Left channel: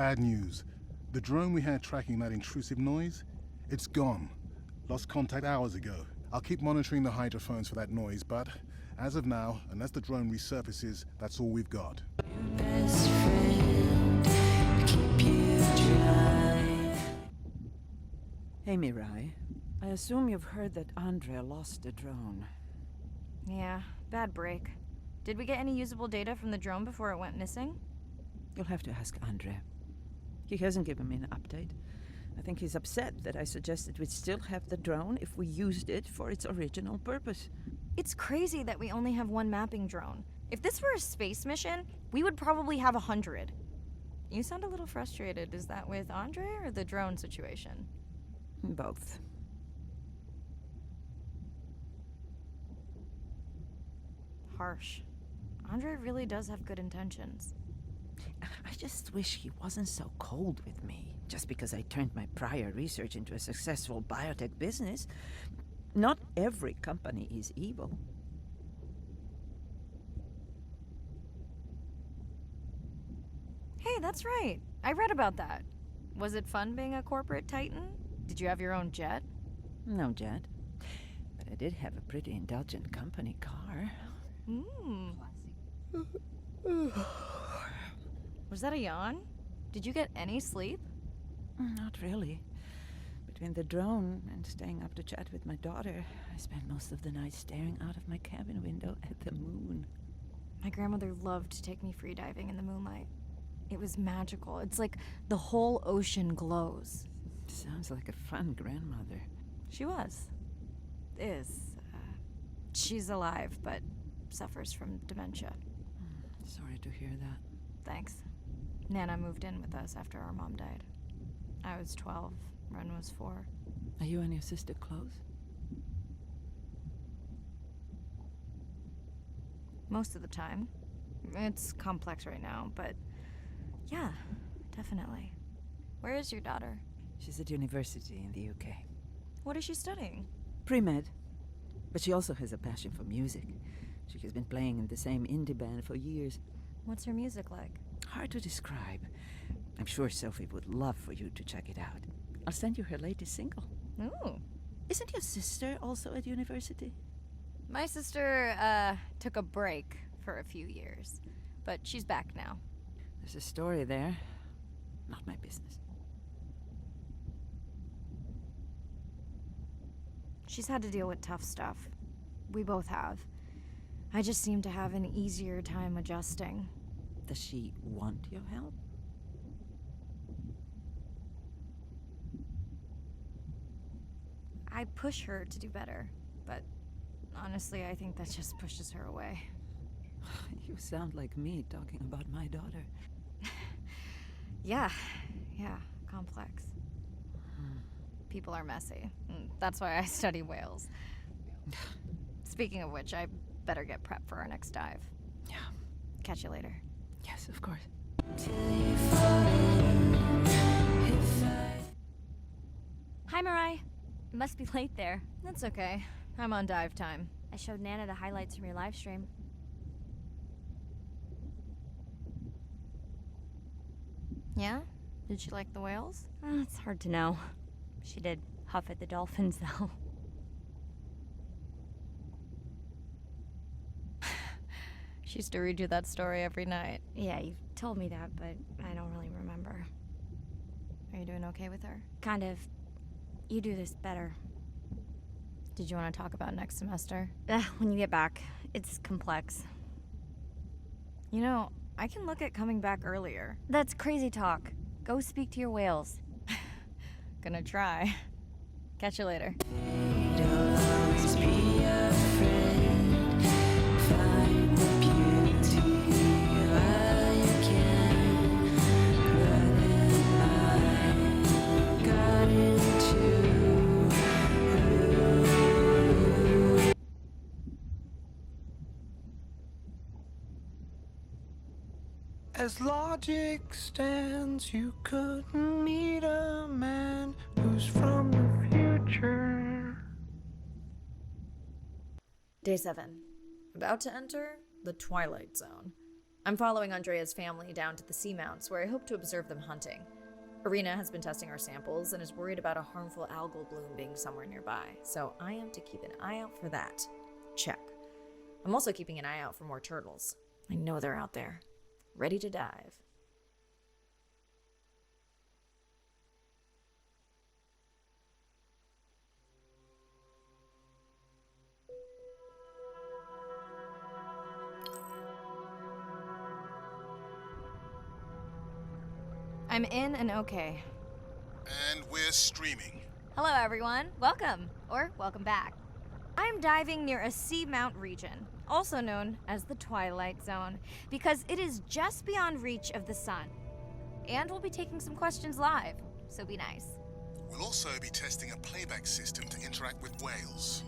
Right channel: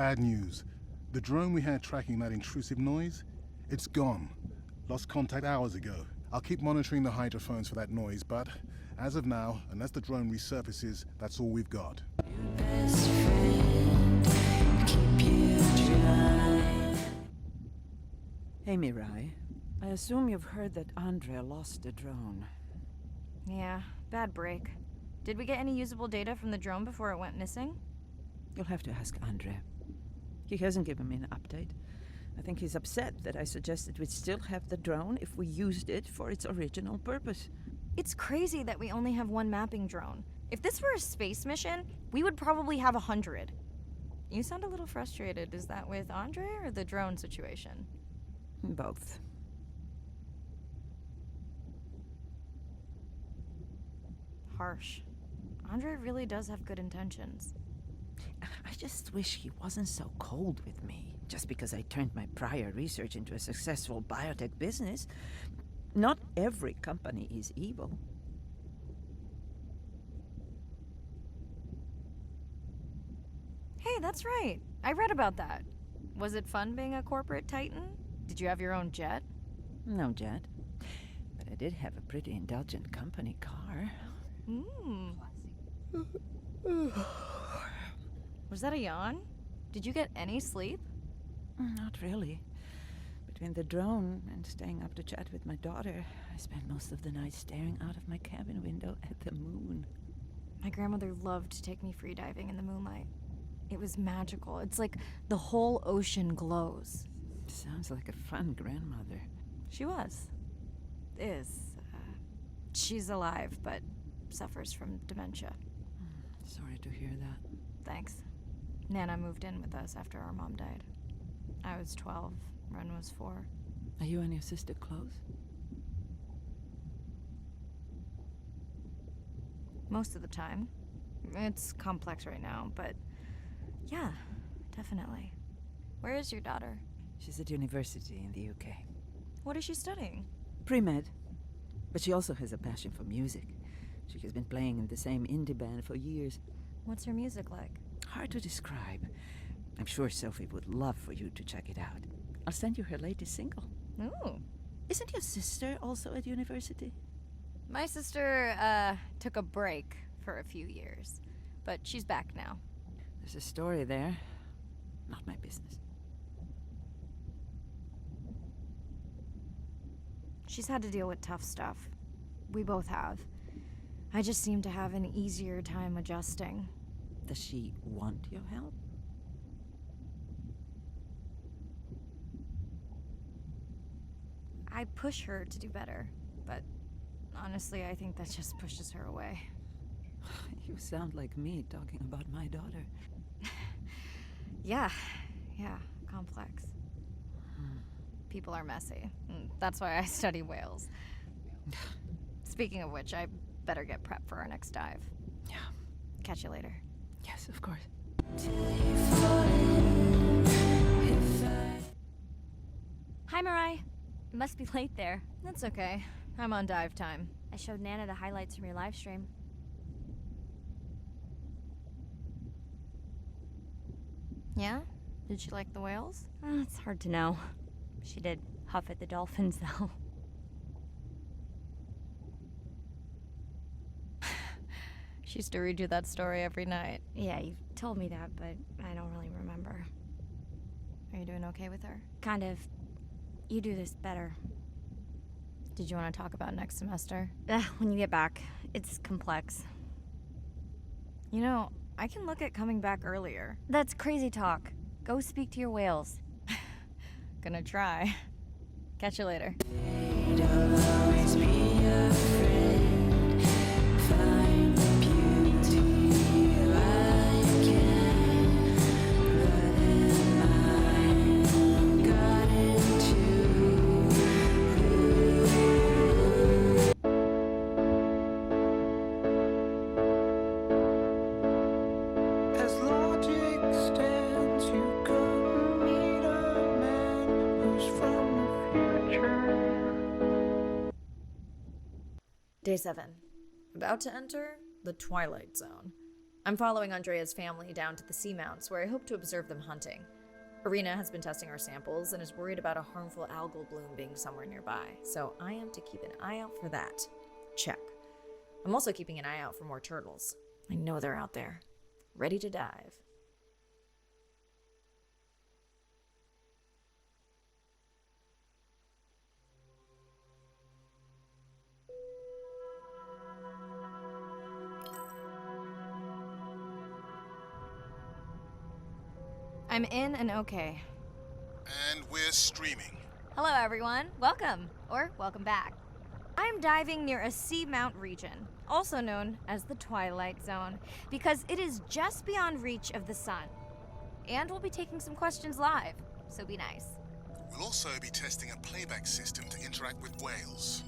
Bad news. The drone we had tracking that intrusive noise, it's gone. Lost contact hours ago. I'll keep monitoring the hydrophones for that noise, but as of now, unless the drone resurfaces, that's all we've got. Your best friend, keep you dry. Hey, Mirai. I assume you've heard that Andrea lost the drone. Yeah, bad break. Did we get any usable data from the drone before it went missing? You'll have to ask Andrea. He hasn't given me an update. I think he's upset that I suggested we'd still have the drone if we used it for its original purpose. It's crazy that we only have one mapping drone. If this were a space mission, we would probably have 100. You sound a little frustrated. Is that with Andre or the drone situation? Both. Harsh. Andre really does have good intentions. I just wish he wasn't so cold with me, just because I turned my prior research into a successful biotech business. Not every company is evil. Hey, that's right. I read about that. Was it fun being a corporate titan? Did you have your own jet? No jet. But I did have a pretty indulgent company car. Was that a yawn? Did you get any sleep? Not really. Between the drone and staying up to chat with my daughter, I spent most of the night staring out of my cabin window at the moon. My grandmother loved to take me freediving in the moonlight. It was magical. It's like the whole ocean glows. Sounds like a fun grandmother. She was. Is. She's alive, but suffers from dementia. Sorry to hear that. Thanks. Nana moved in with us after our mom died. I was 12. Ren was 4. Are you and your sister close? Most of the time. It's complex right now, but yeah, definitely. Where is your daughter? She's at university in the UK. What is she studying? Pre-med. But she also has a passion for music. She has been playing in the same indie band for years. What's her music like? Hard to describe. I'm sure Sophie would love for you to check it out. I'll send you her latest single. Ooh. Isn't your sister also at university? My sister, took a break for a few years, but she's back now. There's a story there. Not my business. She's had to deal with tough stuff. We both have. I just seem to have an easier time adjusting. Does she want your help? I push her to do better, but honestly, I think that just pushes her away. You sound like me talking about my daughter. Yeah, complex. People are messy. That's why I study whales. Speaking of which, I better get prepped for our next dive. Yeah. Catch you later. Yes, of course. Hi, Mirai. Must be late there. That's okay. I'm on dive time. I showed Nana the highlights from your live stream. Yeah? Did she like the whales? It's hard to know. She did huff at the dolphins, though. She used to redo that story every night. Yeah, you told me that, but I don't really remember. Are you doing okay with her? Kind of. You do this better. Did you want to talk about next semester? When you get back. It's complex. You know, I can look at coming back earlier. That's crazy talk. Go speak to your whales. Gonna try. Catch you later. Always be a friend. Find the beauty while you can. But in mine, got into. As logic stands, you couldn't meet a man who's from the future. Day 7. About to enter the Twilight Zone. I'm following Andrea's family down to the seamounts, where I hope to observe them hunting. Irina has been testing our samples and is worried about a harmful algal bloom being somewhere nearby, so I am to keep an eye out for that. Check. I'm also keeping an eye out for more turtles. I know they're out there, ready to dive. I'm in and okay. And we're streaming. Hello, everyone. Welcome, or welcome back. I'm diving near a seamount region, also known as the Twilight Zone, because it is just beyond reach of the sun. And we'll be taking some questions live, so be nice. We'll also be testing a playback system to interact with whales.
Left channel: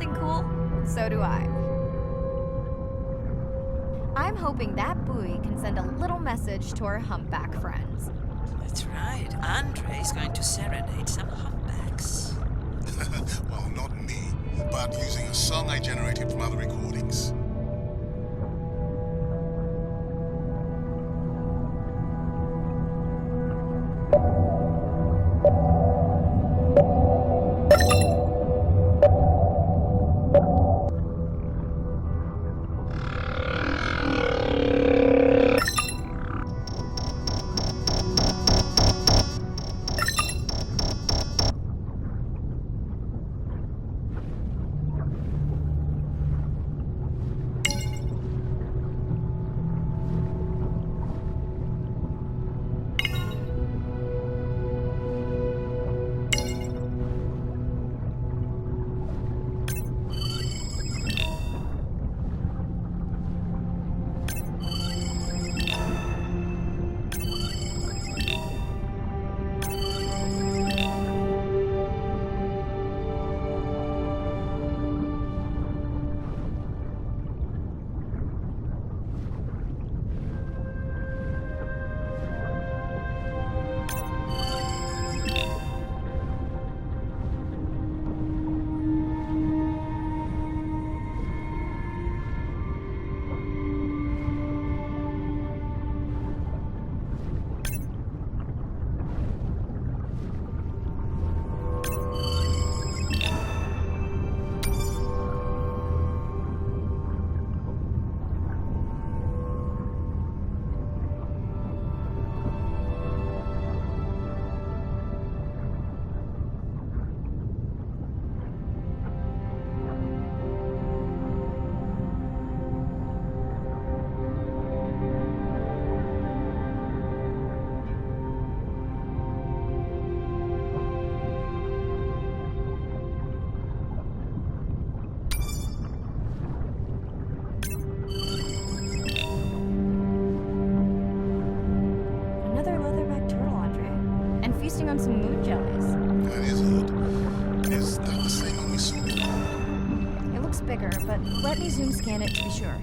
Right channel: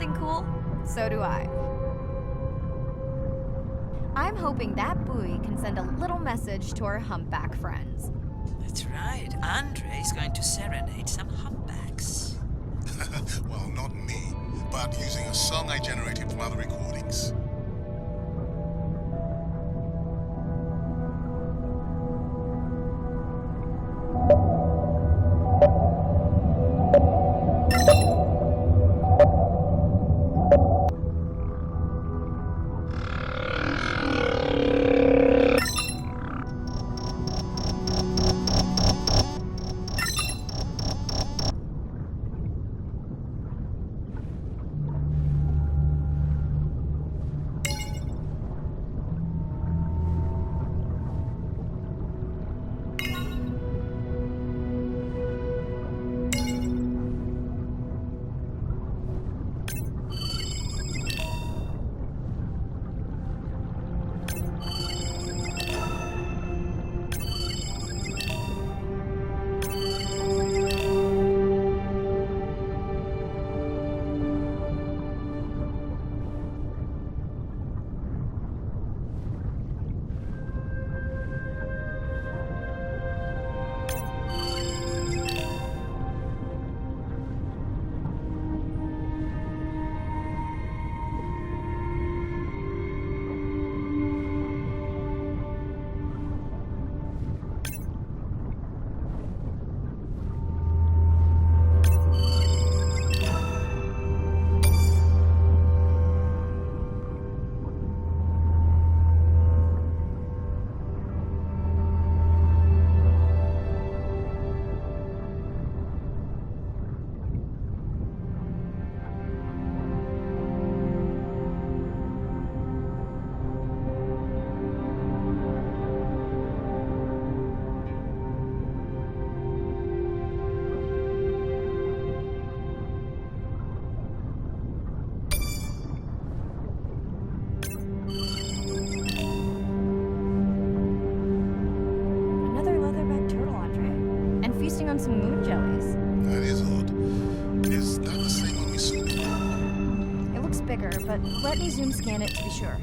something cool? So do I. I'm hoping that buoy can send a little message to our humpback friends. That's right. Andre's going to serenade some humpbacks. Well, not me, but using a song I generated from other recordings. On some moon jellies. That is odd. Is that the same one we saw before? It looks bigger, but let me zoom scan it to be sure.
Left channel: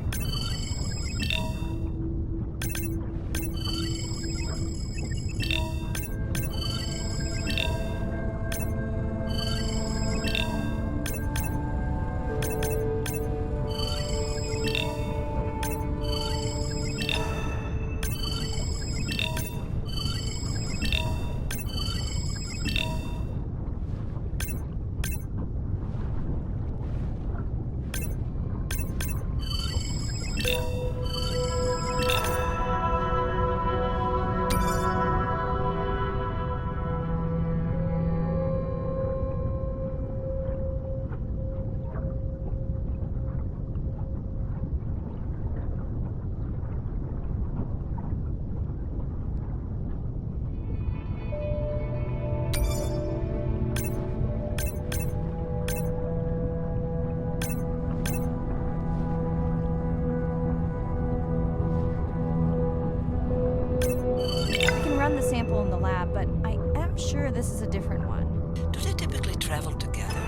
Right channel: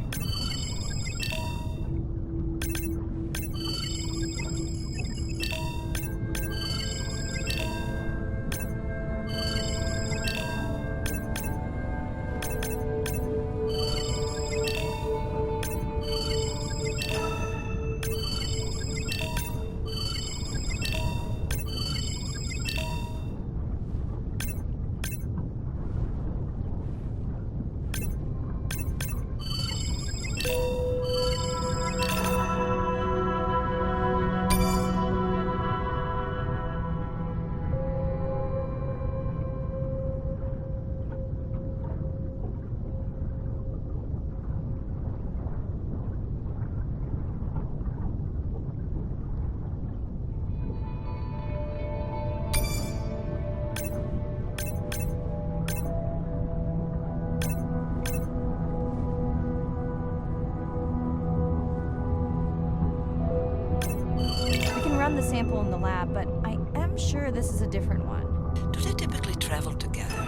Run the sample in the lab, but I am sure this is a different one. Do they typically travel together?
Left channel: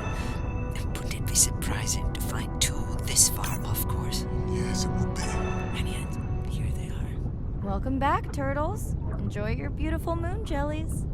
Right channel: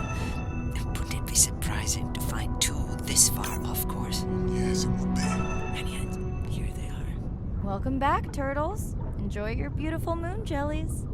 Wouldn't it be surprising to find two this far off course? Yes, it would be. And yet, here they are. Welcome back, turtles. Enjoy your beautiful moon jellies.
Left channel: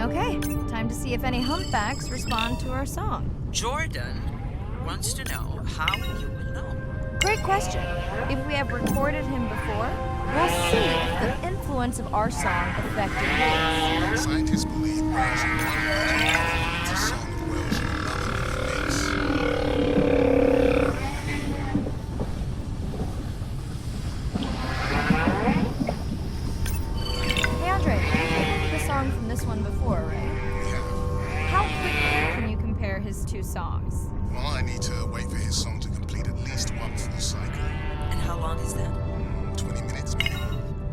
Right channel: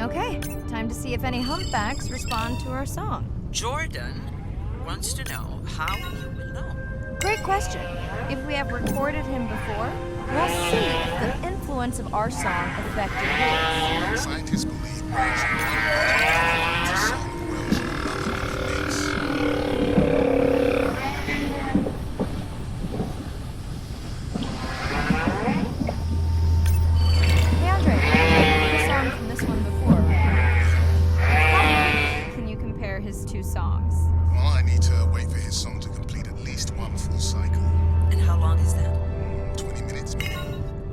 Okay, time to see if any humpbacks respond to our song. Jordan wants to know how you will know. Great question. If we have recorded him before, we'll see if the influence of our song affected his. Scientists believe Welsh in one version of the song of Welsh in another when he mix. Hey Andre, you heard the song from this one before, right? How quickly can you compare his two songs? Well, I need to wait for his song to What is that? 20 minutes, maybe.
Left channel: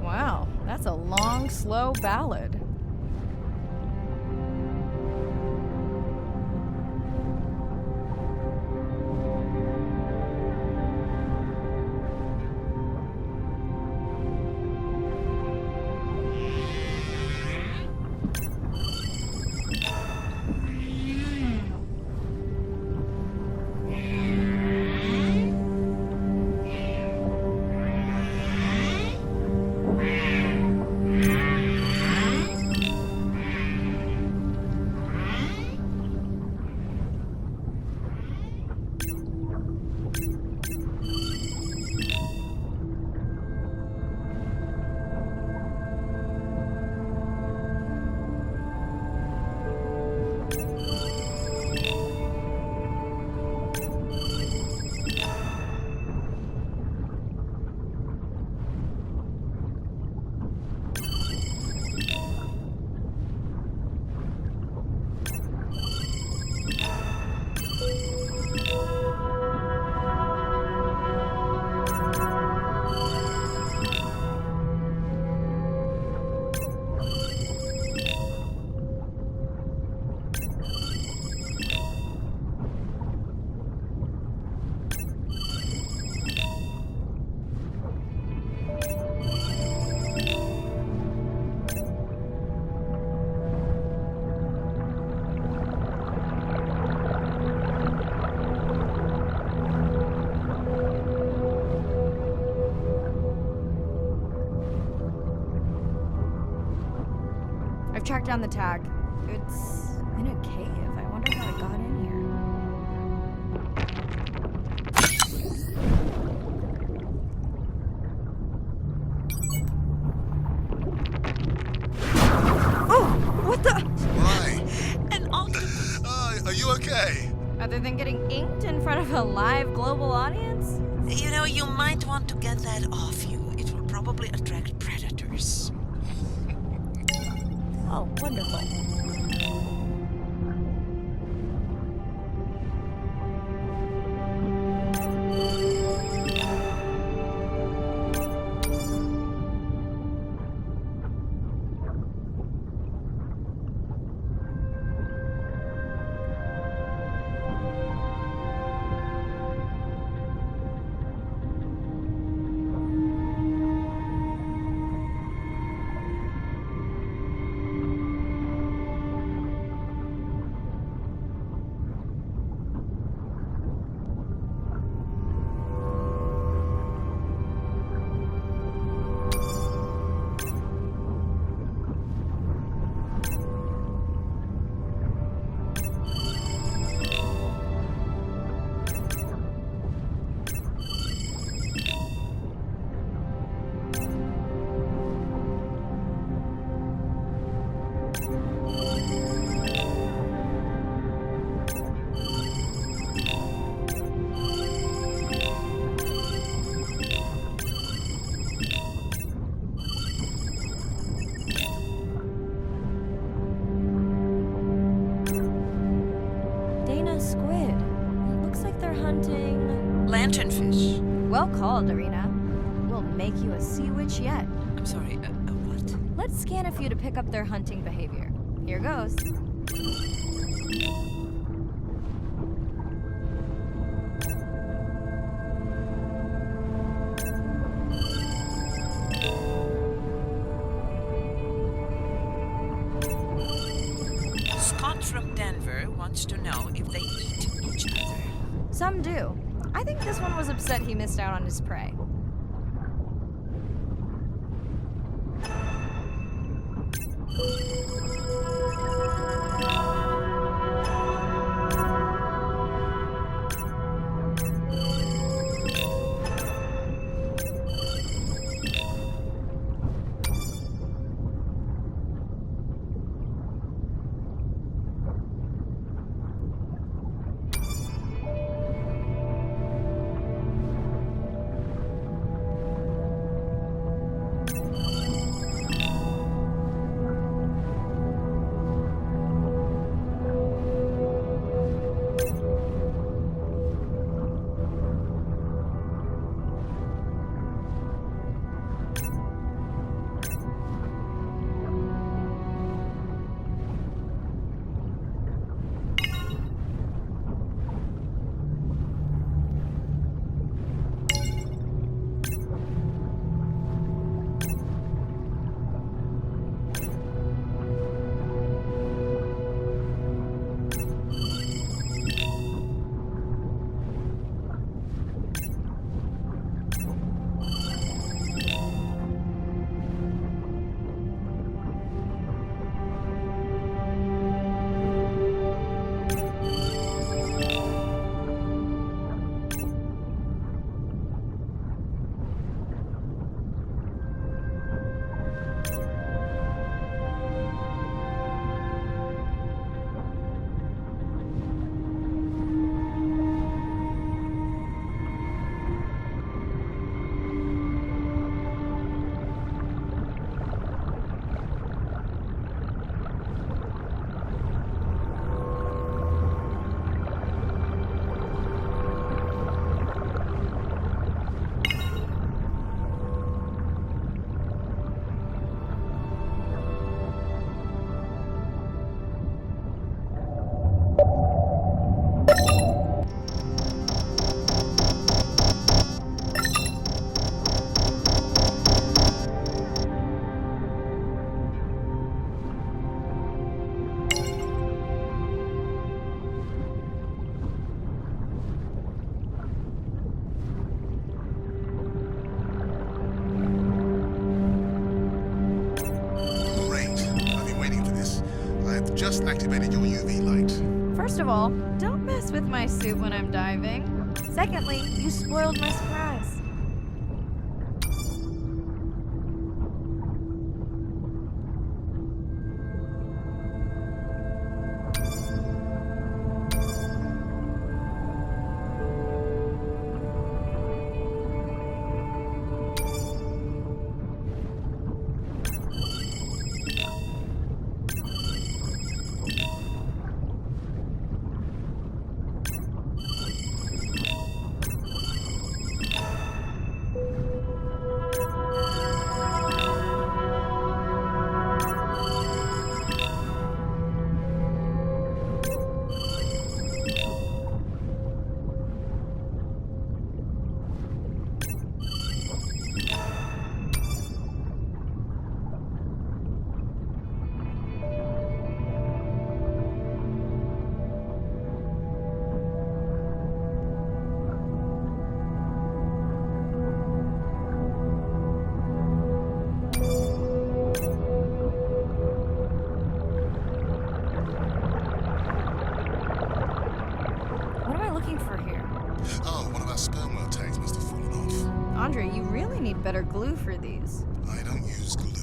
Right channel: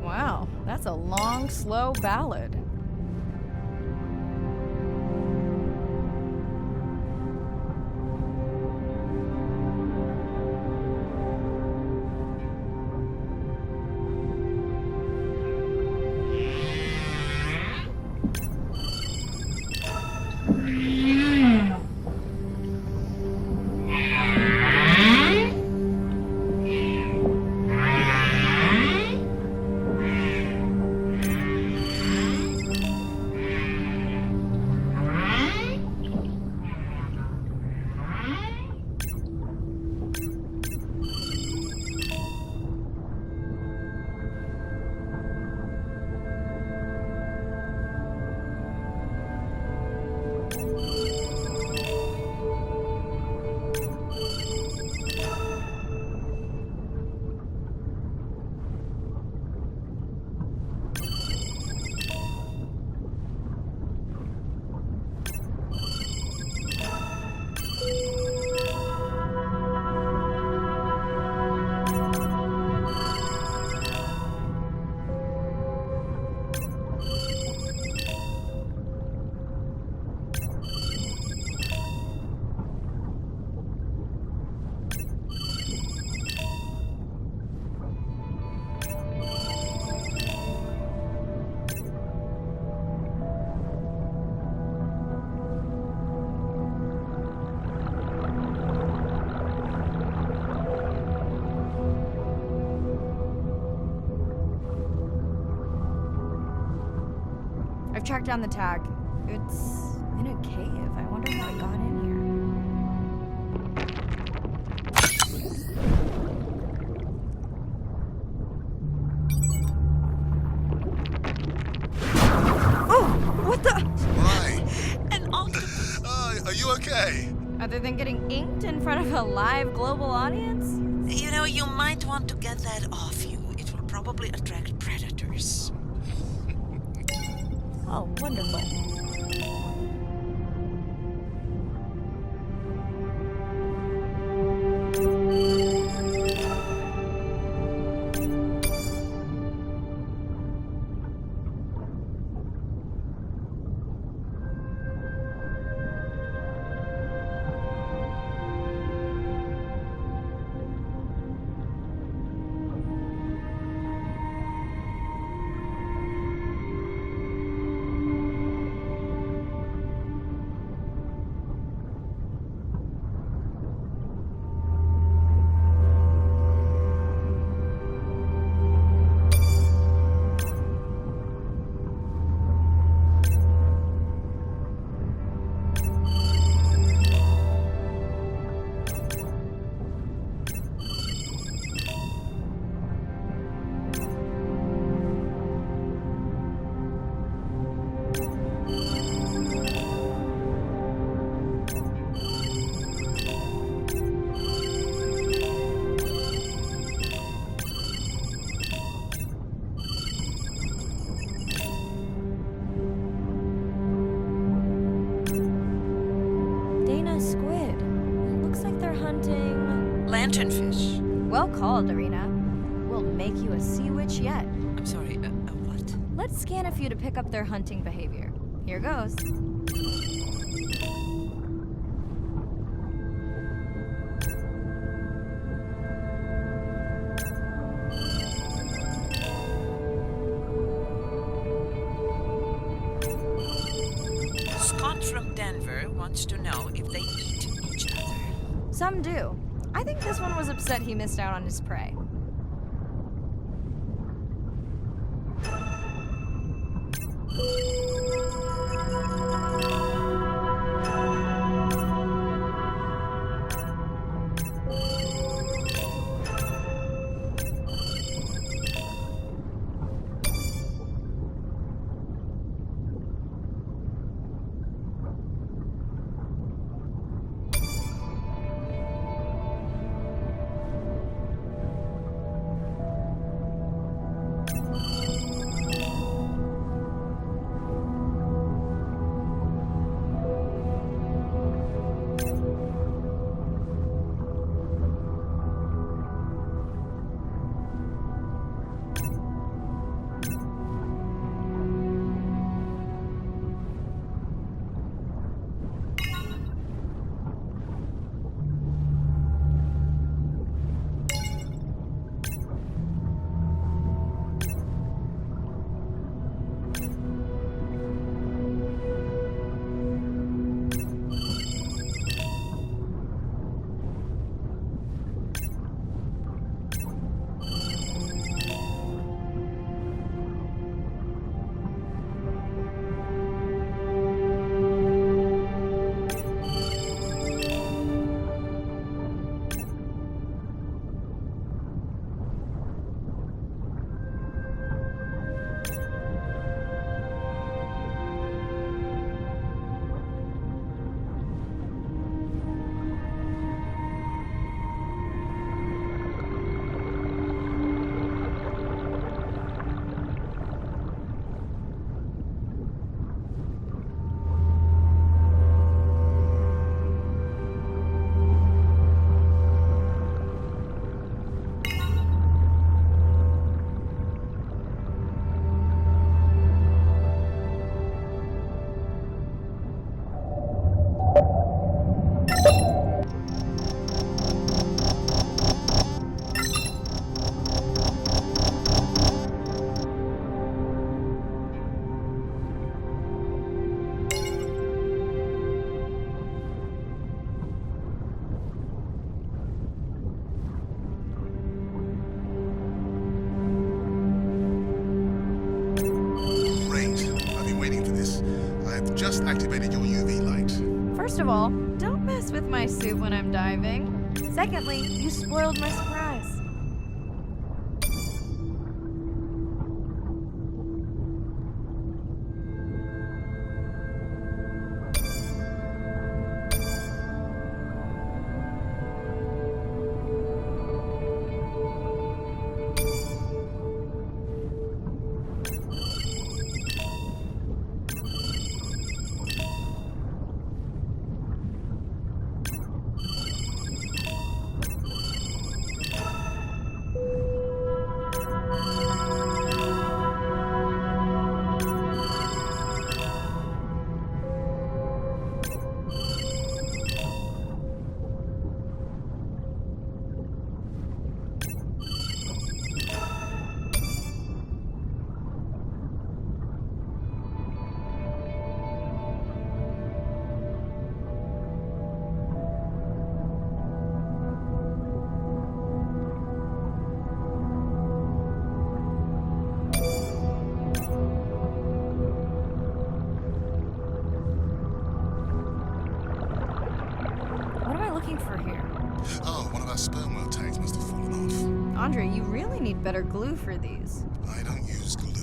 Wow, that's a long, slow ballad. I've tracked down the tag. It's in a cave. I wonder how it got in here. Oh! What the? Why? An octopus! Are you okay? Other than getting inked in front of a live global audience? You know, you might want to get that off you. It will probably attract predators. Oh, wonderful. Squid. It looks like they're hunting Lanternfish. Well called, Arena. We'll make you a sea witch yet. I'm sorry, what? Let's scan a few to pick up their hunting behavior. Here goes. Scott from Denver wants to know if they eat each other. Some do. I think this one was upset he missed out on his prey. Just activated your UV light. First of all, don't mess with my suit when I'm diving. Secondly, you spoiled my surprise. What am I looking for here? Oh, one of our sperm whale tags must have fallen off. Andre, you really need better glue for these. I don't use glue.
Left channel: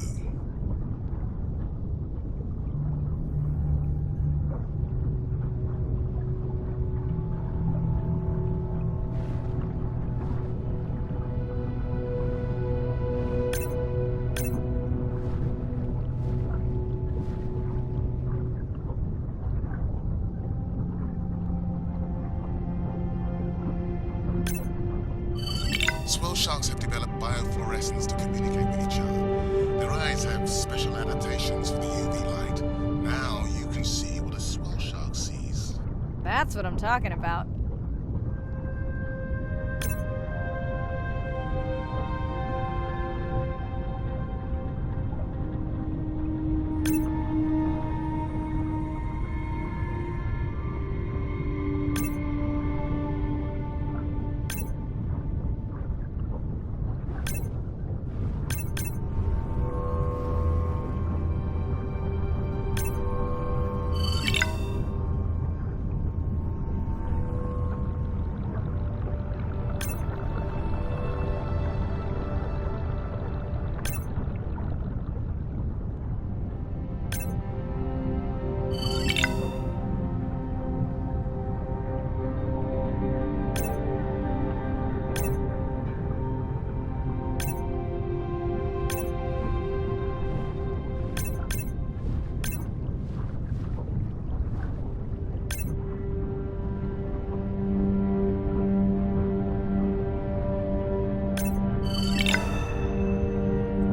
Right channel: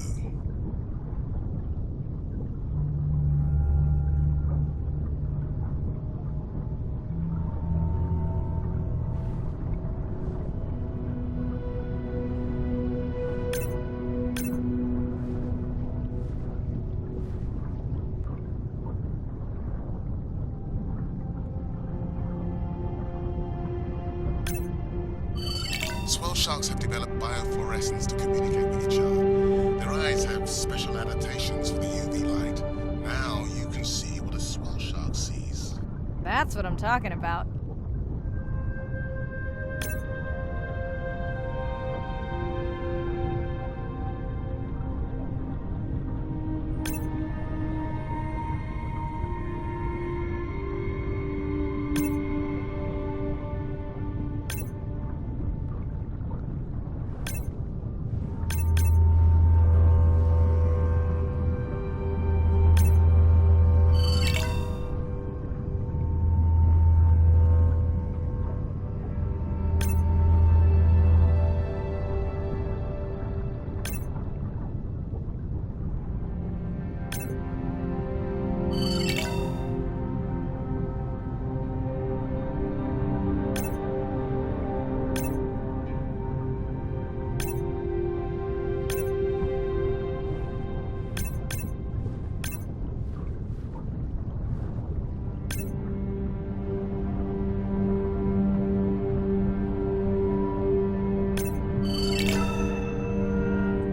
Swell sharks have developed biofluorescence to communicate with each other. Their eyes have special adaptations for the UV light. Now you can see what a swell shark sees. That's what I'm talking about.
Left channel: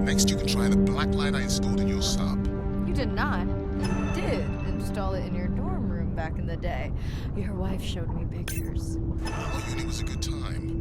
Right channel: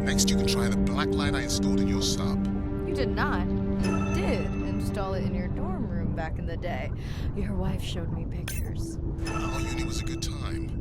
Next, you can try the black light I installed in your sub. You did not. You did install it in your dorm room back in the day. Your wife showed me pictures. Well, uni was a good time.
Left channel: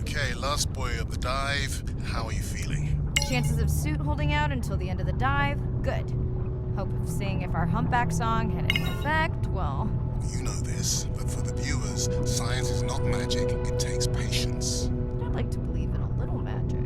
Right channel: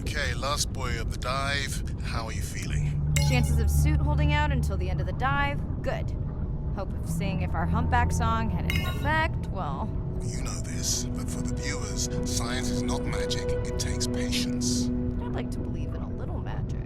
Okay, last boy of the dive. How are you feeling? Chances of suit holding out until the end of the dive? Good. Hope of seeing if our humpback song had any effect? Well, You know this, but for the viewers, science is not magic. It takes patience. I'd like to believe in a little magic.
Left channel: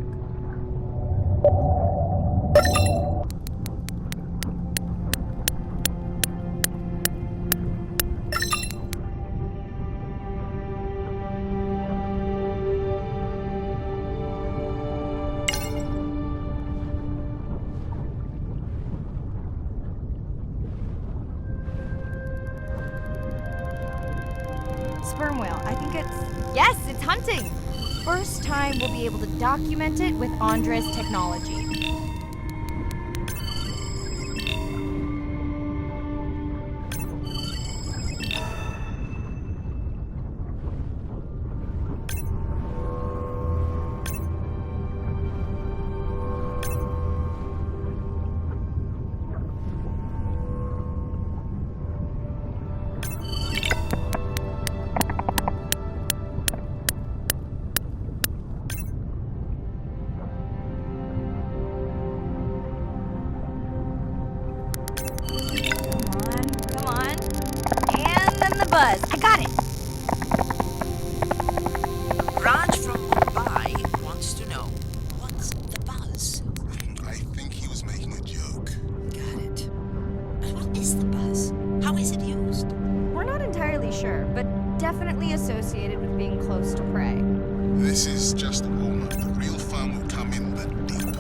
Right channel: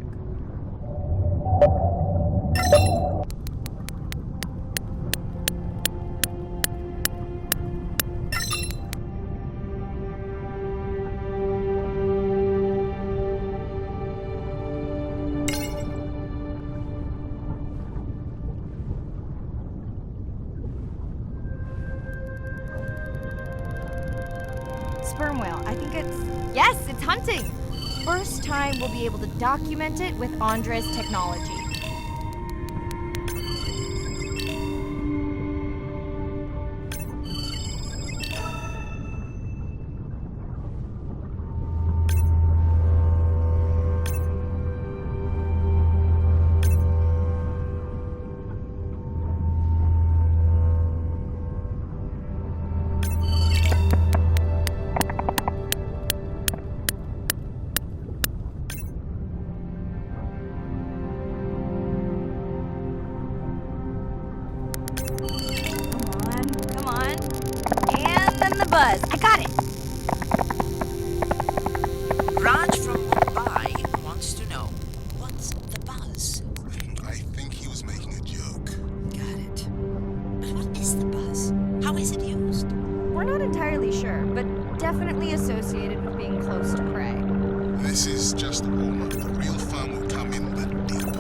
sperm whale. I think it's... Yes, it's hunting! First time we'll be able to document it with Andre's technology. Come on. And then the buzz. I got it! Raj from Mumbai wants to know, what's the buzz? I think he was making a joke. Got it. But what is the buzz? How is it used? We're not entirely sure, but definitely associated with being close to prey. This is just a warm-up. The real fun will come in the deep.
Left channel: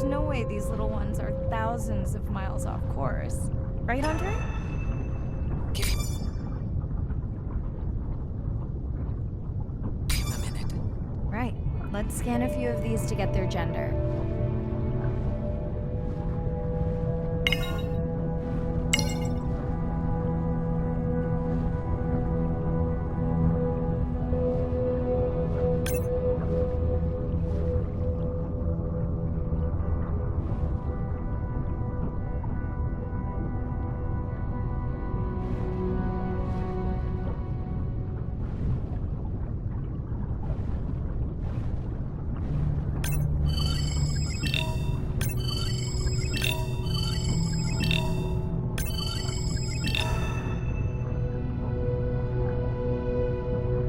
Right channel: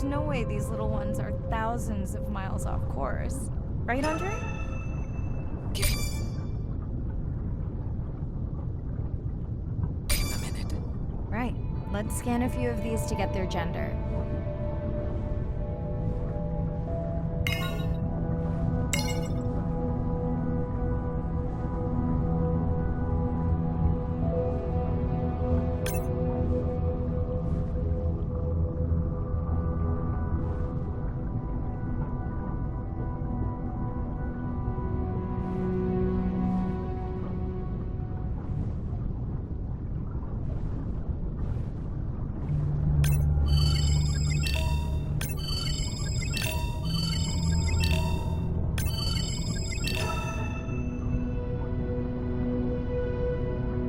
There's no way these little ones are thousands of miles off course. Right, Andre? Give him a minute. Right. Let's scan a few of these to get their gender.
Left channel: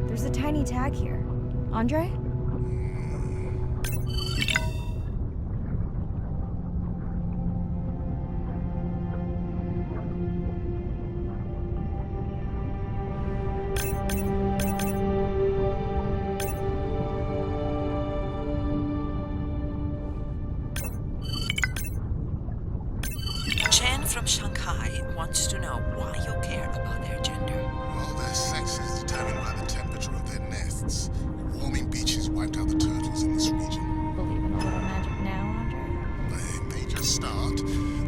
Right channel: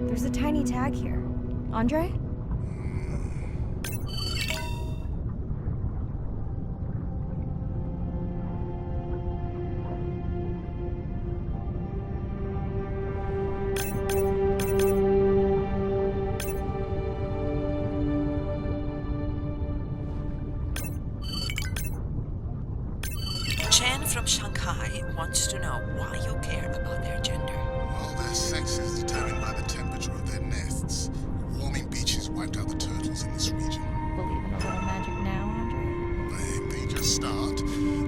There's a tiny tag here. Andre? Chen from Shanghai wants to know why you care about their gender. Well, their sex is determined by the temperature of their nests. Warming beaches wiped out the turtles in this region. Believe in a little magic now, Andre? They just start,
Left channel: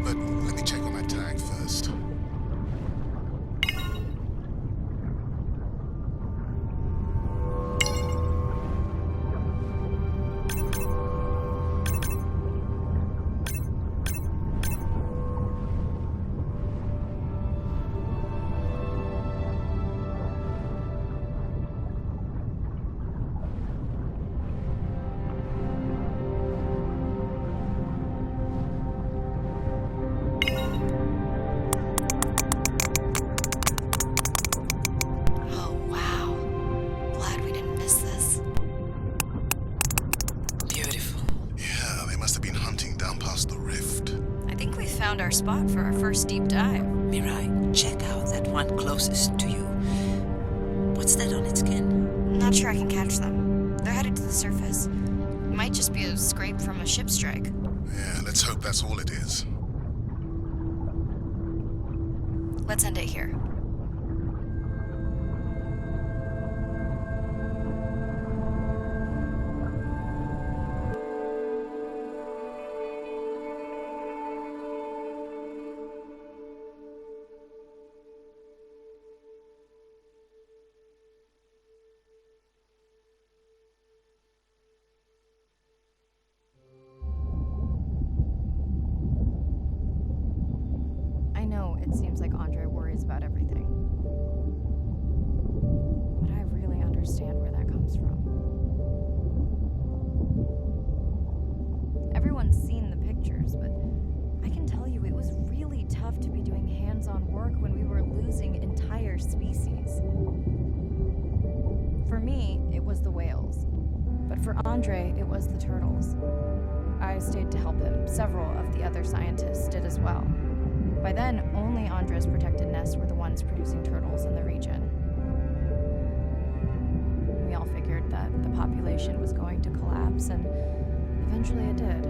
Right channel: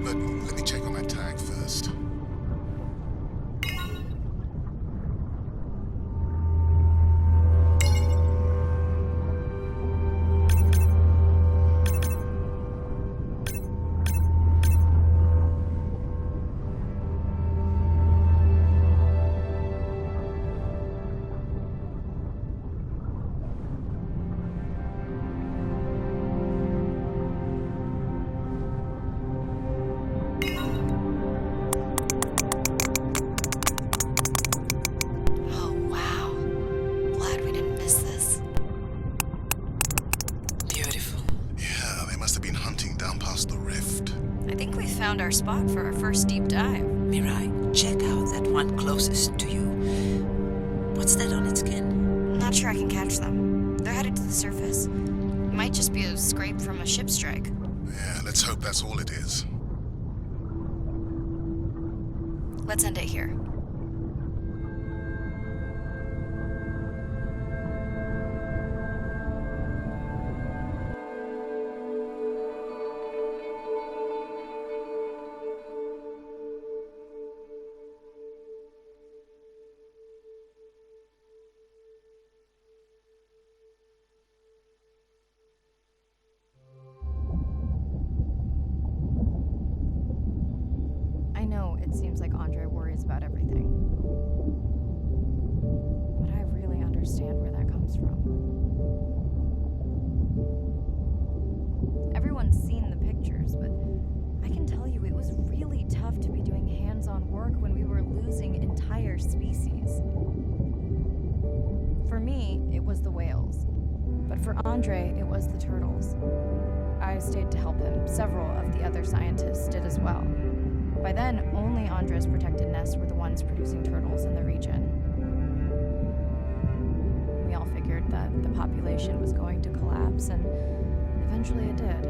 but let me check on that tag first. Oh, wow. Glad we didn't miss this. Beautiful. Yeah, they must have been hunting down past the rift. I think we found our spot for our first deep dive. Mirai, check out that one closest to you. What's that on its skin? Not sure I can catch them. They're headed to the surface. It might just be a scrape from a ship strike. Yeah, let's hope that's all it is. Let's end it here. I know it seems like Andre worries about everything. But I really understand where that comes from. Everyone's seen the pictures, but I can tell you it was really tough to be doing hands-on work when we were losing entire species. For me, it was the whales. But for Andre, it was the turtles. I stayed to help him. Several of the other scientists did as well. By then, only Andre's protected nests were the ones producing turtles in the region. We all figured that the population was going to collapse, and eventually it did.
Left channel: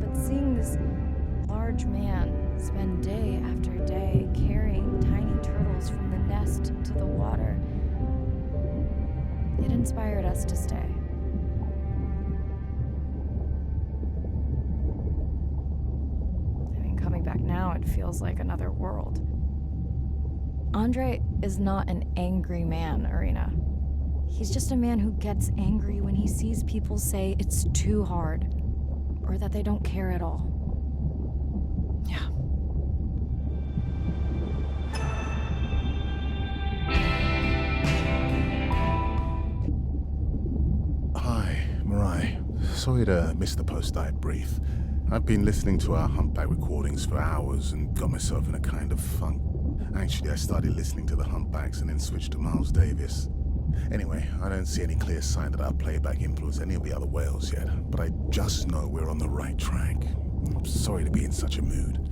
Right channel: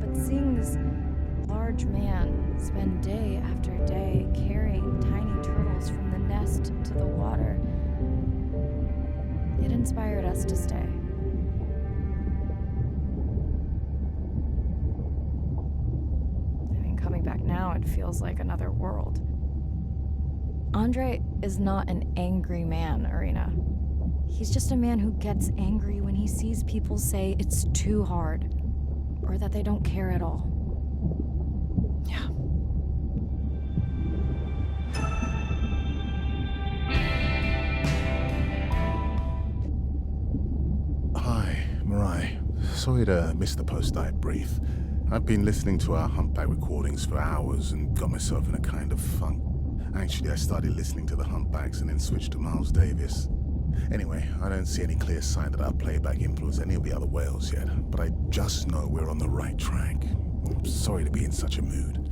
But seeing this large man spend day after day carrying tiny turtles from the nest to the water, it inspired us to stay. Coming back now, it feels like another world. Andre is not an angry man, Irina. He's just a man who gets angry when he sees people say it's too hard, or that they don't care at all. Yeah. Hi, Mirai. Sorry to miss the post-dive brief. I've been listening to our humpback recordings for hours and got myself in a kind of funk. Actually, I started listening to the humpbacks and then switched to Miles Davis. Anyway, I don't see any clear sign that our playback influenced any of the other whales yet, but I just know we're on the right track. I'm sorry to be in such a mood.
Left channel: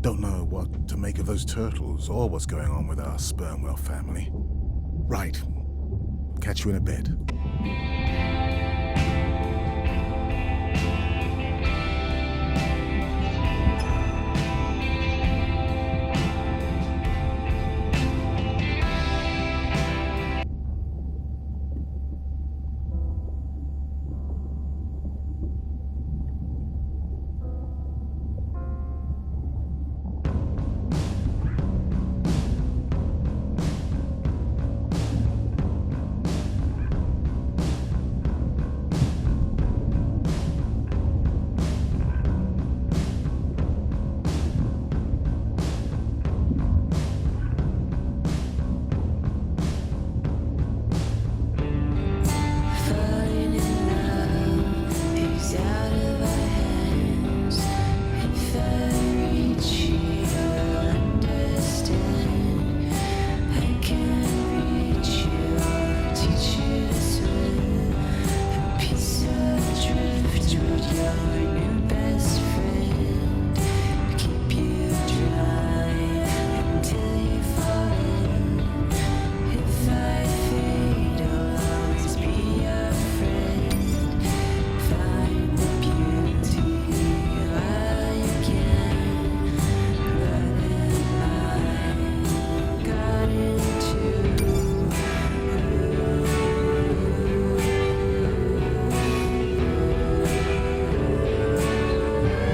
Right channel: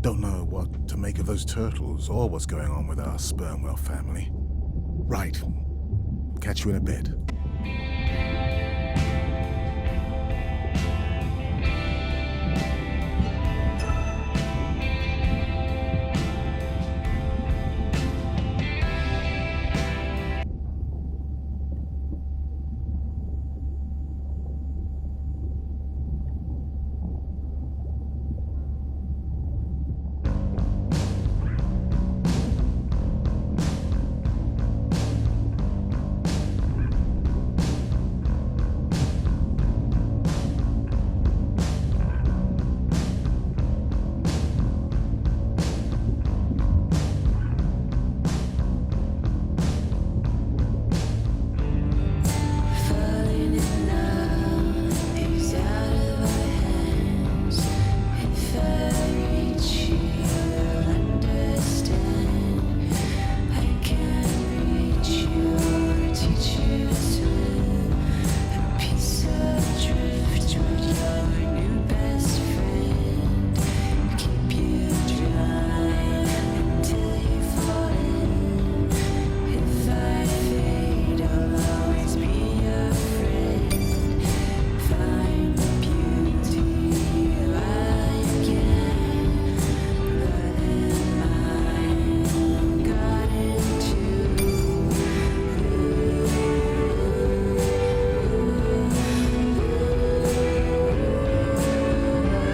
Don't know what to make of those turtles or what's going on with our sperm whale family. Right. Catch you in a bit. our